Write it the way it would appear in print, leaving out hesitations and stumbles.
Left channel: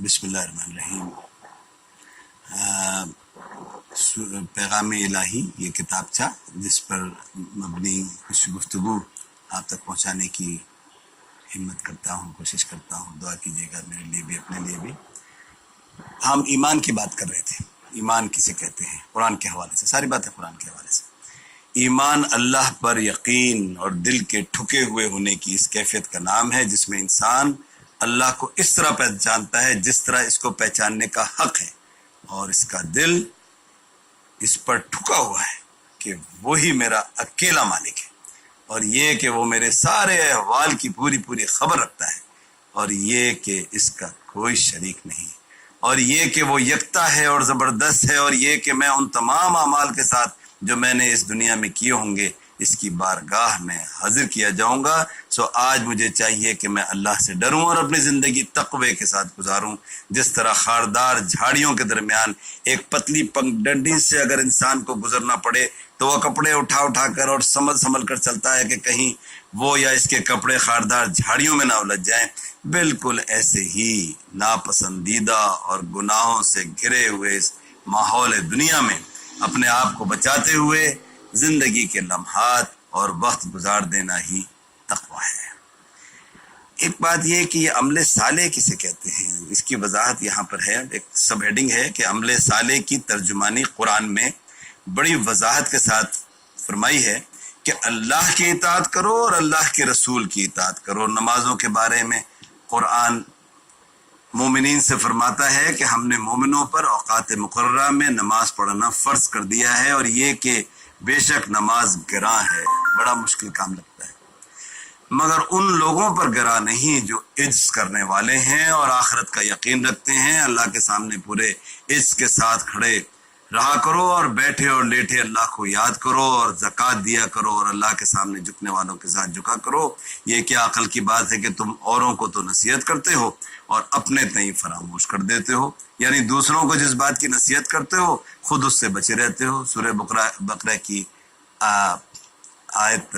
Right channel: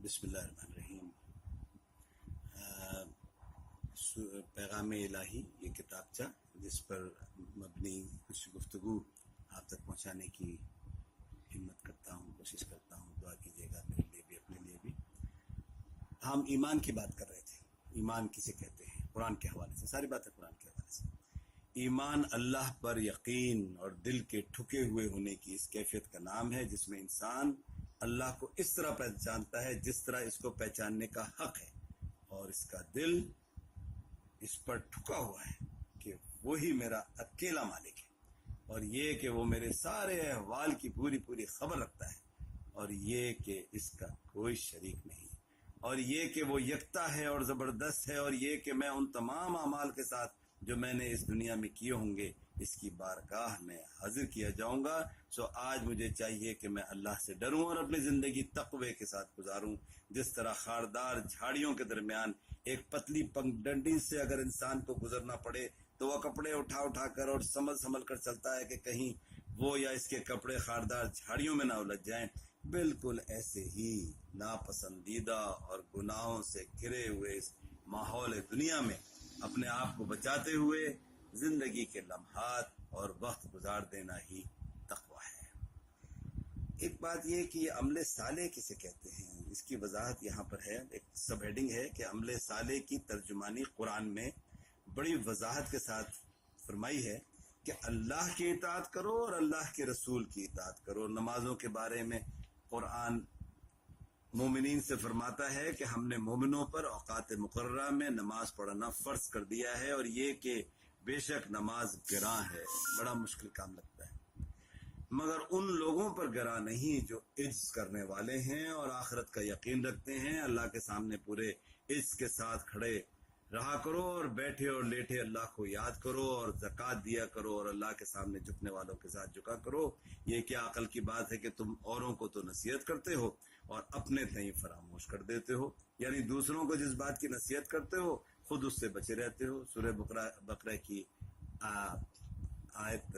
بسم اللہ الرحمن الرحیم۔ پیغام الہی یہ کتابچہ جس پر مبنی کچھ گفتگو آپ تک پہنچانے کی ہمت کرتا ہوں، کوشش کرتا ہوں۔ دعا کیجیے گا میرے لیے بھی، اپنے لیے بھی۔ ہم ایمان کی بات کر رہے تھے، ایمان کسے کہتے ہیں قرآن کے حوالے سے، ساری باتیں قرآن کے حوالے سے۔ ایمان اللہ پر یقین اور دل کے ٹھکے ہوئے ہونے کی اس کیفیت کا نام ہے جس میں انسان اللہ کو اس طرح پہچانتا ہے جس طرح اس کو پہچاننے کا حق ہے، اور اس کا دل اس پر ٹھکا ہوا ہے کہ وہی میرا اکیلا مالک ہے، اور یہ کہ وہ میرے سارے احوال کی پوری خبر رکھتا ہے، اور یہ کہ اس کا کوئی شریک نہیں، اور یہ کہ وہ یکتا ہے اور زبردست ہے، اور یہ کہ میں ان تمام اعمال کے ساتھ جو میں نے اس دنیا میں کیے ہوں گے اس کی بارگاہ میں حاضر کیا جاؤں گا۔ سو آج مجھے چاہیے کہ میں اللہ سے ڈروں اور اپنی زندگی تقوی کے ساتھ گزاروں، جس طرح خاردار جھاڑیوں کے درمیان ایک پتلی پگڈنڈی سے اگر انسان کو گزرنا پڑے تو وہ کپڑے اٹھا کر اور سنبھل کر چلتا ہے کہ کہیں وہ یا اس کے کپڑے خاردار جھاڑیوں میں نہ الجھ جائیں۔ بالکل ایسے ہی ناپسندیدہ اور گناہوں سے گھرے ہوئے اس ماحول دنیا میں اپنے آپ کو بچاتے ہوئے زندگی کے لمحات اور وقت گزار دینا ہی تقویٰ ہے۔ ایک بات یہ کہ یہ عمل صالح کسے کہتے ہیں، اس کی وضاحت یہاں پر ہے۔ ایک سب ہیڈنگ ہے کہ عمل صالح کی ترجمانی قرآن میں بڑی وضاحت کے ساتھ فرمائی ہے کہ اللہ کی اطاعت کرو اور اللہ کے رسول کی اطاعت کرو۔ نمازوں کے بارے میں قرآن مومنین سے فرماتا ہے کہ ہم نے مومنوں پر اوقات مقررہ میں نماز پڑھنا فرض کر دیا ہے، اور یہ کہ بے شک نماز گراں ہے۔ بڑا مشکل کام لگتا ہے، مگر ان لوگوں پر گراں نہیں جو عجز کرنے والے ہیں اور آخرت کا یقین رکھتے ہیں۔ اللہ کے سامنے پورے عجز کے ساتھ کھڑے رہا کرو، اور بیٹھے اور لیٹے اللہ کو یاد کرو، اور زکوٰۃ دیا کرو، اور اللہ کے سامنے جھکنے والوں کے ساتھ جھکا کرو۔ یہ کیا عقل کی بات ہے کہ تم اوروں کو تو نصیحت کرتے ہو اور اپنے تئیں فراموش کر دیتے ہو، یعنی دوسروں کو جس بات کی نصیحت کرتے ہو خود اس سے بچے رہتے ہو۔ سورہ بقرہ کی آیت